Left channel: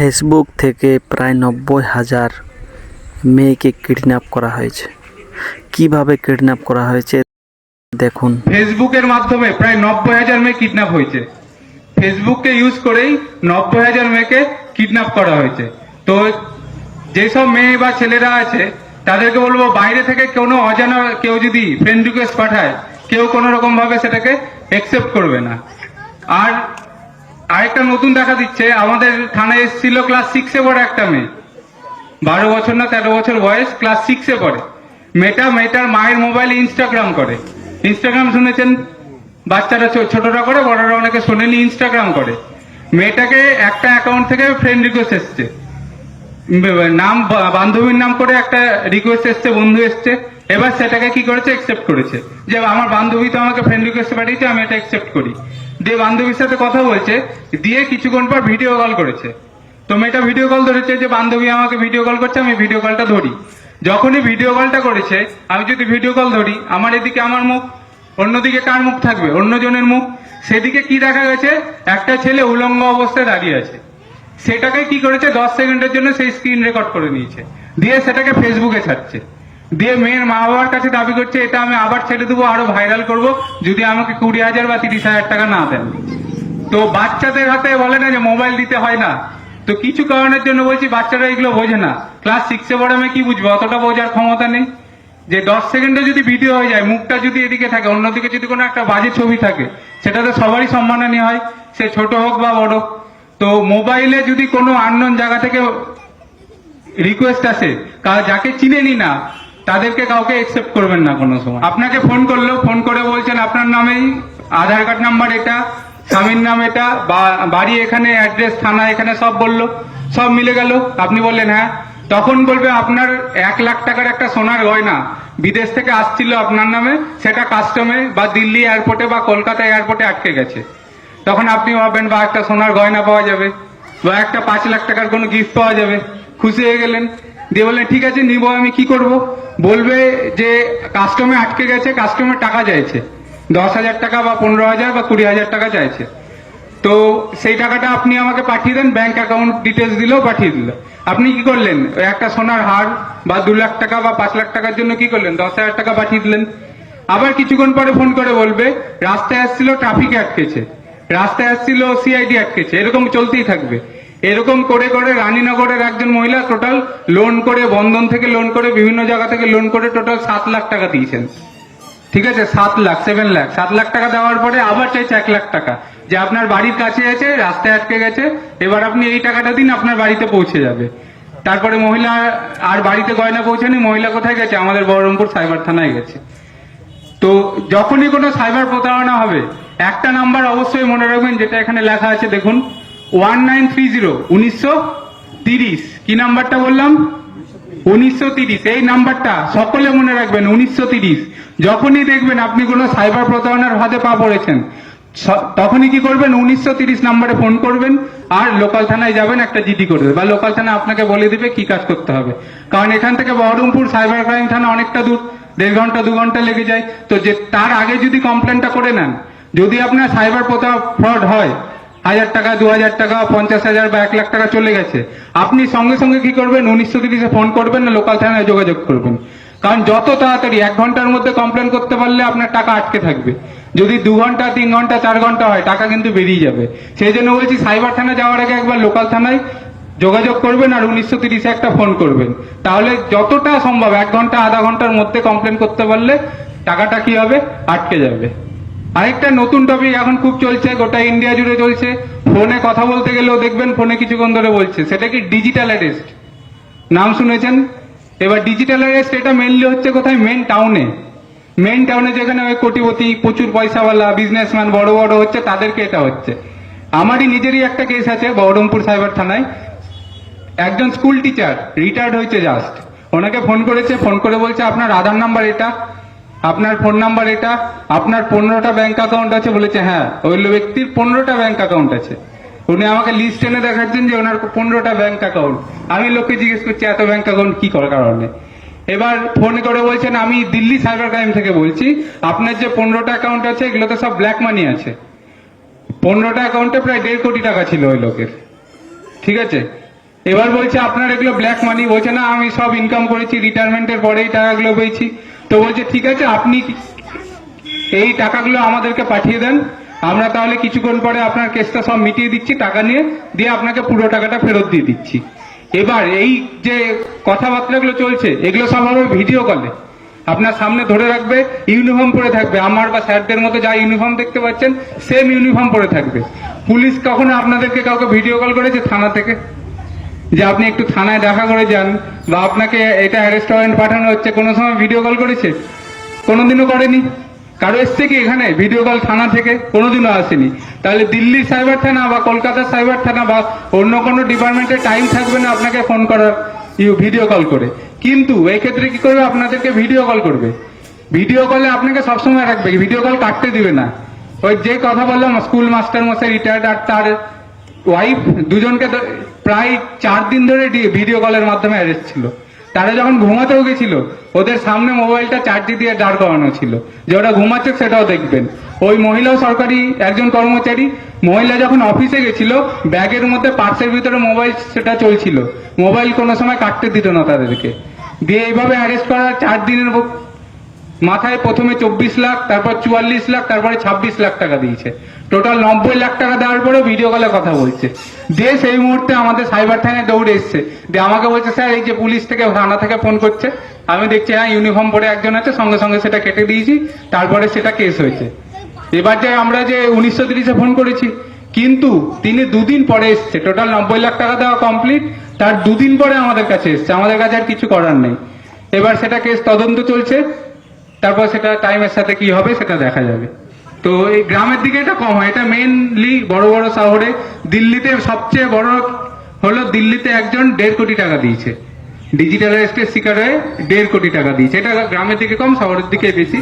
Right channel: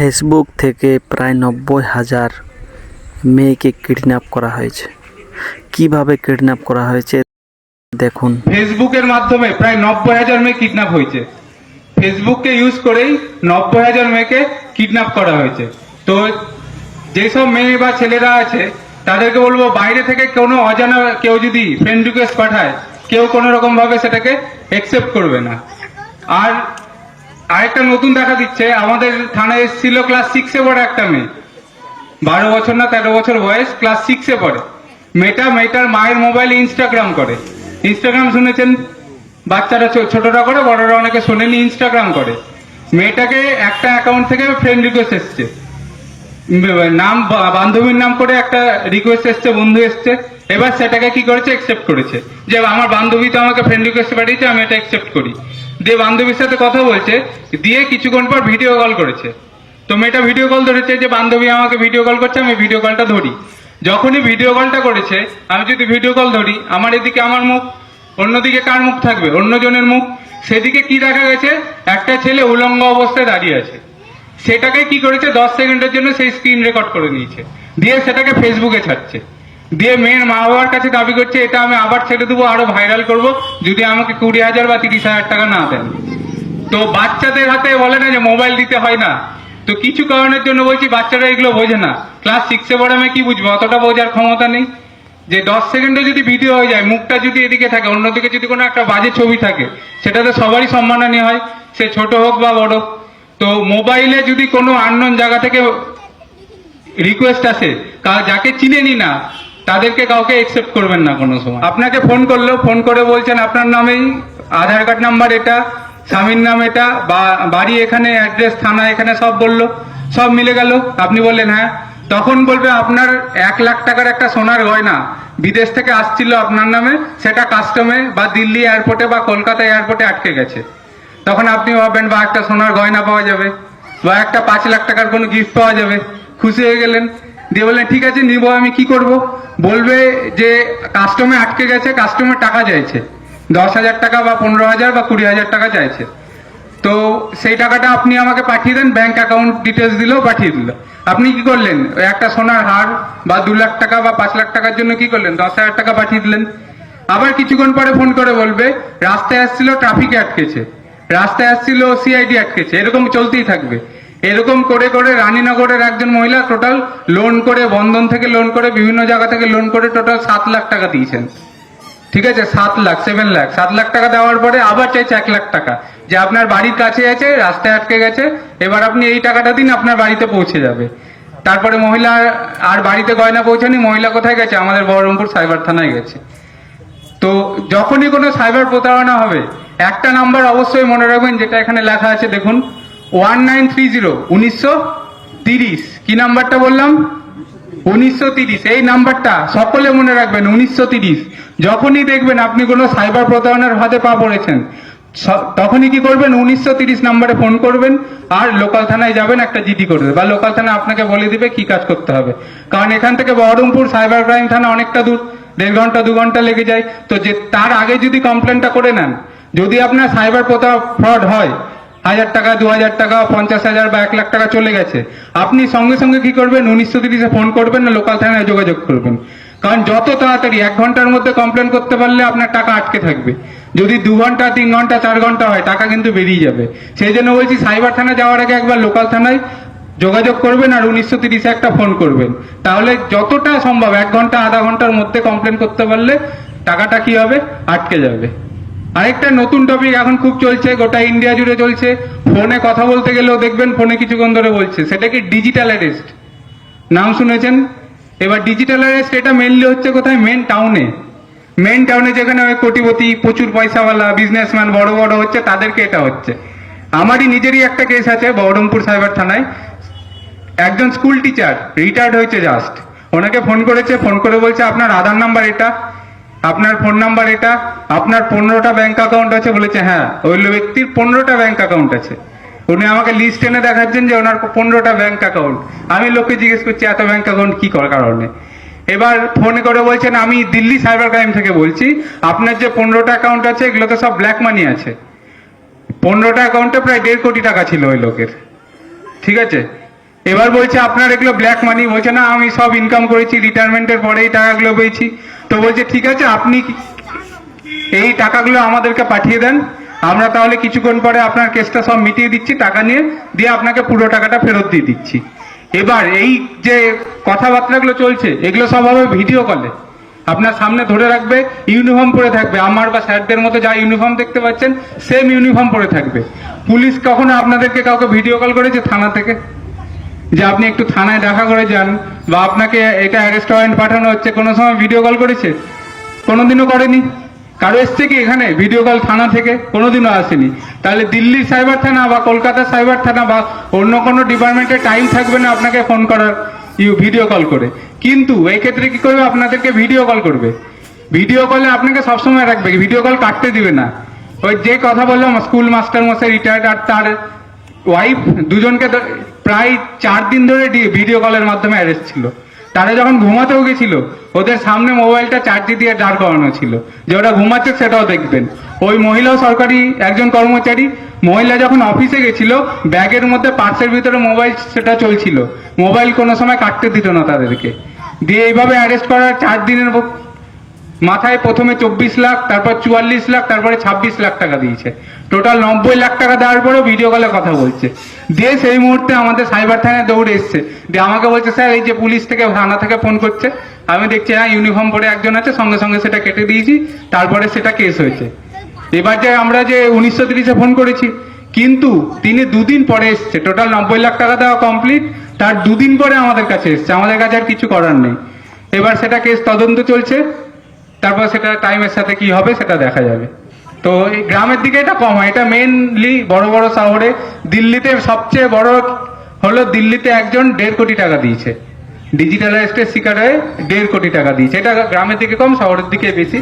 Facebook থেকে প্রায় ৯০,০০০ মেয়েকে কিডন্যাপ করা হয়েছে। কিভাবে কিডন্যাপ করা হয়েছে দেখুন। ফেসবুকের মাধ্যমে প্রায় ৯০,০০০ মেয়ে কিডন্যাপ হয়েছে। ফেসবুককে ইউজ করেই ৯০,০০০ মেয়েকে কিডন্যাপ করা হয়েছে। তো যেসব মেয়ে বা ছেলেরা আছে তাদেরকে বলবো, বাইরে থেকে কোনো অজানা কেউ যদি ফ্রেন্ড রিকোয়েস্ট পাঠায়, কেউ কোনো রকম ভাবে সেটাকে অ্যাকসেপ্ট করবে না। আর আরেকটা নতুন দেখা দিচ্ছে, আমাদের থানায় এসেছিল ক্লাস 6-এ পড়ে একটা মেয়ে, 12 বছর না 13 বছর বয়স, ক্লাস 6-এ পড়ে। মেয়েটার মায়ের মোবাইলে ইনস্টাগ্রাম করে। ইনস্টাগ্রাম শুনেছেন, বাচ্চারা ছোটরা করে, বড়রা অনেকে শোনেনি, ইনস্টাগ্রাম করে। মেয়েটাকে একটা অ্যাকাউন্ট থেকে ফ্রেন্ড রিকোয়েস্ট এসছে, নাম বান্ধবীর নাম করে একটা রিকোয়েস্ট এসছে, বন্ধু এসছে। এবার সেটাকে কি করেছে, অ্যাকসেপ্ট করেছে, যে আমার বান্ধবী তো আমাকে ফ্রেন্ড রিকোয়েস্ট পাঠিয়েছে, আমি এটা অ্যাকসেপ্ট করি। দিয়ে বান্ধবীর সাথে কথা বলছে, দিয়ে কিছুক্ষণ পর ভিডিও কল করেছে। তো মেয়েটা ভিডিও কল ধরেছে, যে বান্ধবী আমাকে ভিডিও কল করছে, আমি ভিডিও কলটা ধরি। যখনই ভিডিও কলটা করেছে, আমি যদি ভিডিও কল ধরি, আমার এদিকে আমার মুখ, অন্যদিকে কার মুখ থাকবে, অন্যজনের মুখ। সেদিকে কি দেখা গেছে, একটা ছেলে উলঙ্গ অবস্থায় দাঁড়িয়ে আছে। সেটাকে কি করেছে, 10 সেকেন্ডের জন্য সেই স্ক্রিন রেকর্ড করে নিয়েছে, দিয়ে সেটাকে ফেসবুকে ছাড়ছে। দিয়ে মেয়ের মা বাবার কাছে দাবি করছে, এটা আমি আবার ছেড়ে দেবো, আরো ভাইরাল করব, যদি আমাকে 20,000 বা 30,000 টাকা না দেন। তো বাচ্চাদের হাতে বলে না যে মোবাইল দিতে হয় না, তো কিছু কারণের জন্য বলছি বাচ্চারা এগুলো বোঝে না। ক্লাস 6-এ পড়ে আমি কি বুঝবো, অতটা বোঝার ক্ষমতা নেই। যে 10 সেকেন্ডে যদি ভিডিও হয়ে যায়, মুখটা যদি এদিকে থাকে, অন্যদিকে যদি কোনো একটা বাজে ছবি থাকে, সেটাতে সবারই সম্মানহানি হয়, সে ছোট হোক বা বড়। তো মোবাইলে যদি কোনো আননোন জায়গা থেকে রিকোয়েস্ট আসে, যাকে চিনেনি না, তাদেরকে কাউকে অ্যাকসেপ্ট করবেন না কোনো সময়। আপনাকে ফোন করলো, ফোন করে বলছেন আপনার নামেই আধার কার্ড নাম্বার এটা, স্বামীর নাম এটা, বাড়ি এখানে, অ্যাড্রেস থানা এখানে, সব বললো, সব মিলে গেল। আপনি বললেন হ্যাঁ। তখন বলবে আপনার 1,00,000 টাকার একটা সোনার গয়না বিদেশ থেকে আসছিল আপনার নামে, সেটা কাস্টমে বা দিল্লি এয়ারপোর্টে বা কলকাতা এয়ারপোর্টে আটকে গেছে। তখন আপনি ভাববেন, বা একটা সোনার গয়না পাওয়া যাবে, বা একটা 5,00,000 টাকার কোনো গিফট পাওয়া যাবে, খুশি হয়ে গেলেন। দিয়ে বললেন ঠিক আছে নিবো, আমি কি করব? বলবে যে কাস্টমে আটকে গেছে, কাস্টমের টাকা চাইছে, 10,000 টাকা বা 15,000 বা 20,000 টাকা চাইছে। তো সেই টাকাটা আপনি আমাকে পাঠিয়ে দেন, ব্যাংক অ্যাকাউন্ট ডিটেলস দিলেও পাঠিয়ে দিল। আপনি কি করলেন, একটা সোনার হার বা 2,00,000 টাকা বা 5,00,000 টাকার জন্য কি করলেন, 10,000 টাকা পাঠিয়ে দিলেন। আবার কিছুক্ষণ পরে ফোন করে বলবে রাস্তায় আসছিল, ট্রাফিকে আটকেছে, রাস্তায় আসছিল, সিআইডি আটকেছে, এরকম চলতেই থাকবে। এরকম করে করে রানীনগরের একজন মহিলা টোটাল লোন করে, বন্ধন থেকে লোন করে, বিভিন্ন জায়গা থেকে লোন করে টোটাল 7,00,000 টাকা দিয়েছেন। ঠিক আছে, 7,00,000, 7,00,000, 7,00,000 টাকা দেওয়ার পরে আবার চাইছে 1,00,000 টাকা, যে আপনার বাড়ির কাছে আছে, রাস্তায় আটকে গেছে, এবার আপনি এই টাকাটা দিন, আপনার বাড়িতে পৌঁছে যাবে। তারপরে মহিলা আর বাড়িতে গয়না পৌঁছানি, মহিলা কোথায় গেছে, আমাদের বহরমপুর সাইবার থানায় গেছে। তো যখনই কোনো সাইবার প্রতারণা হবে, একটা নাম্বার অবশ্যই মনে রাখবেন, যেটা এখানে লেখা আছে দেখুন, 1930, 1930। কি নাম্বারটা বললাম, 1930। এই নাম্বারটা সকলে মনে রাখবেন, 1930। যখনই দেখবেন আপনি কোনো সাইবার প্রতারণার ফাঁদে পা পড়েছেন, তখনই কি করবেন, 1930 নাম্বারে ফোন করবেন, আর লোকাল থানায় যাবেন, একটা জিডি করবে, বা লোকাল থানা আপনাকে বলে দিবে কি কাজ করতে হবে। কারণ এখান থেকে বহরমপুর সাইবার ক্রাইম থানা অনেকটা দূর, 1.5 ঘন্টা 2 ঘন্টা লেগে যায়। তো যে তার আগে যদি কমপ্লেনটা করে নেন, যদি আপনার সাইবার ফ্রড হয়, 1,000 টাকা, 2,000 টাকা, 50,000 বা 1,00,000 টাকা চলে গেছে, আপনি সঙ্গে সঙ্গে কি করবেন, 1930-এ ফোন করবেন না লোকাল থানায় যোগাযোগ করবেন। কারণ যত তাড়াতাড়ি 1 ঘন্টার মধ্যে কমপ্লেন করতে পারলে আপনার টাকা আটকে থাকবে। যদি 2 ঘন্টা, 3 ঘন্টা, 4 ঘন্টা হয়, টাকা কিন্তু বেরিয়ে যাবে। সেই জন্য বলছি, সাইবার থানা যাওয়ার আগে একবার লোকাল থানায় যোগাযোগ করবেন, আর 1930-এ একটা ফোন করবেন। তাহলে যতটা সম্ভব 1 ঘন্টা, আধা ঘন্টার মধ্যে কমপ্লেন করতে পারলে টাকাটা কি হবে, আটকে যাবে। আরেকটা নতুন টপিক এখন খুব চলছে, গোটা ইন্ডিয়া জুড়ে চলছে, ফোনে কথা বলতে গেলেও দেখবেন ফোনে কিছুক্ষণ ধরে বলছে, সেটা কি ডিজিটাল অ্যারেস্ট। নাম শুনেছেন? এবার ডিজিটাল অ্যারেস্ট এটা মেনলি হচ্ছে কোথায়, মেন টাউনে যেখানে ওই কোটিপতি, প্রচুর পয়সাওয়ালা বিজনেসম্যান বড় বড় হচ্ছে, তাদেরকে এটা হচ্ছে। আমারই নিজেরই একটা কেস আছে বহরমপুর সাইবার থানায়। একজন স্কুল টিচার রিটায়ার্ড হয়েছে জাস্ট, ওনাকে ফোন করেছে, ফোন করে বলছে আপনার আধার নাম্বার এটা, আপনার ফোন নাম্বার এটা, আপনার 15টা ব্যাংক অ্যাকাউন্ট আছে। বলেছে হ্যাঁ, ওই ব্যক্তির 15টা ব্যাংক অ্যাকাউন্ট আছে। উনি আমাকে লিস্ট এনে দেখাচ্ছেন যে ওনার 15টা ব্যাংক অ্যাকাউন্ট। আমি লোককে জিজ্ঞেস করছি এত ব্যাংক অ্যাকাউন্ট কি করার কারণে। এবার ফোন করে বলছেন আমি দিল্লি সাইবার ক্রাইম থেকে বলছি, আপনার যে 15টা অ্যাকাউন্ট আছে এগুলোতে সব ব্ল্যাক মানি আছে। 15টা অ্যাকাউন্টে প্রায় 1.5 কোটি টাকা ছিল ওই লোকের। ঠিক আছে, এবার বলছে আপনার এগুলো ব্ল্যাক মানি, বলছে না আমি সব ইনকাম করেছি, রিটায়ারমেন্টের পরে এই টাকাগুলো পেয়েছি। তো বলছে ঠিক আছে, আপনি এই টাকাগুলো আমাদেরকে পাঠিয়ে দেন, আমরা তাহলে কিছুক্ষণ পরে আপনার কেসটা সব মিটিয়ে দিচ্ছি, টাকা নিয়ে দিয়ে আপনাকে পুরো টাকাটা ফেরত দিয়ে দিচ্ছি। এবার এই যে কথাবার্তাগুলো চলছে, এগুলো সব হবে ভিডিও কলে, আপনার সামনে ধরে রাখবে, ইউনিফর্ম পরে থাকবে, আমার বা স্যারদের মতো যা ইউনিফর্ম দেখতে পাচ্ছেন সেম ইউনিফর্ম পরে থাকবে। পুলিশ কখনো আপনাদেরকে কাউকে ভিডিও কল করেছে থানা থেকে, যে আপনি একটু থানায় দেখা করে যান, বা আপনাকে এটা অ্যারেস্ট ওয়ারেন্ট পাঠানো হচ্ছে, কোনো সময় ভিডিও কল করেছে? কোনোদিনও করেনি। কারো এসছে কি এখানে ভিডিও কল থানা থেকে? কোনোদিনও আসেনি। তাহলে দিল্লির সাইবার থানা বা কলকাতার সাইবার থানা বা অন্য কোনো ডিপার্টমেন্টের টাইম থাকবে না আপনাকে ফোন করার ভিডিও কল করে। কিন্তু এই ক্ষেত্রে কি করবে, আপনাদেরকে ভিডিও কল করবে। ভিডিও কলে আপনাকে সবসময় রাখবে, ভিডিও কল কাটতে দিবে না। ওই যে কথা বললাম, স্কুল মাস্টার মশাই রিটায়ার্ড আর তার ওয়াইফ দুজনকে প্রায় 4 দিন ধরে ভিডিও কলের মাধ্যমে অ্যারেস্ট ছিল। তারা যখন ঘুমাতেও গেছিল, ওদের সামনে মোবাইলটা চার্জে দিয়ে দাঁড় করানো ছিল, যে ওরা ঘুমাচ্ছে সেটাও দেখবেন। ওই মহিলাও সরকারি একজন কর্মচারী, মহিলা যখন অফিসে গেছিল ব্যাগের মধ্যে পার্সের ভিতরে মোবাইল সেটা চলছিল, মোবাইল কোনো সময় কাটতে দিত না তাদেরকে। দিয়ে এইভাবে অ্যারেস্ট করার 4 দিনের মাথায় প্রথমে 24 লাখ, তারপর 44 লাখ, তারপরে 26 লাখ টাকা দিয়েছে। টোটাল 90 লাখ টাকা দেওয়ার পরেও ভিডিও কলে কথা বলছে। দিয়ে সেই মুহূর্তে আমাদের সাইবার থানায় দৌড়ে এসছে, দিয়ে আমাকে বলছে স্যার এই যে পুলিশ থেকে থানা থেকে ফোন করছে। আমি দেখছি হ্যাঁ ইউনিফর্ম পরে একজন আছে, সঙ্গে সঙ্গে সেটা কেটে দিয়েছি, তারপরে সেটা কেস হয়েছে। এবার যে আমরা যে 1930-এ ফোন করেছি, কিন্তু তিনি 2 দিন পরে এসছে, টোটাল 90 লাখ টাকা দেওয়া কমপ্লিট, তার 2 দিন পরে আমাদের কাছে এসছে। আমাদের কাছে আর কিছু করার নেই। এবার সেটা কেস তদন্ত চলছে, তারপর সেটা টাইমের সাথে কি হবে সেটা দেখা যাবে। তো এই গ্রামের দিকে এটা কম হয়, এটা মেইনলি বড় বড় শহরে। দিল্লিতে সবচেয়ে বড় হলো, দিল্লিতে একজন 1.5 কোটি টাকা দিয়েছে, ডিজিটাল অ্যারেস্টের শিকার হয়ে 1.5 কোটি টাকা দিয়েছে। এটা গ্রামের দিকে কম, শহরের দিকে বেশি।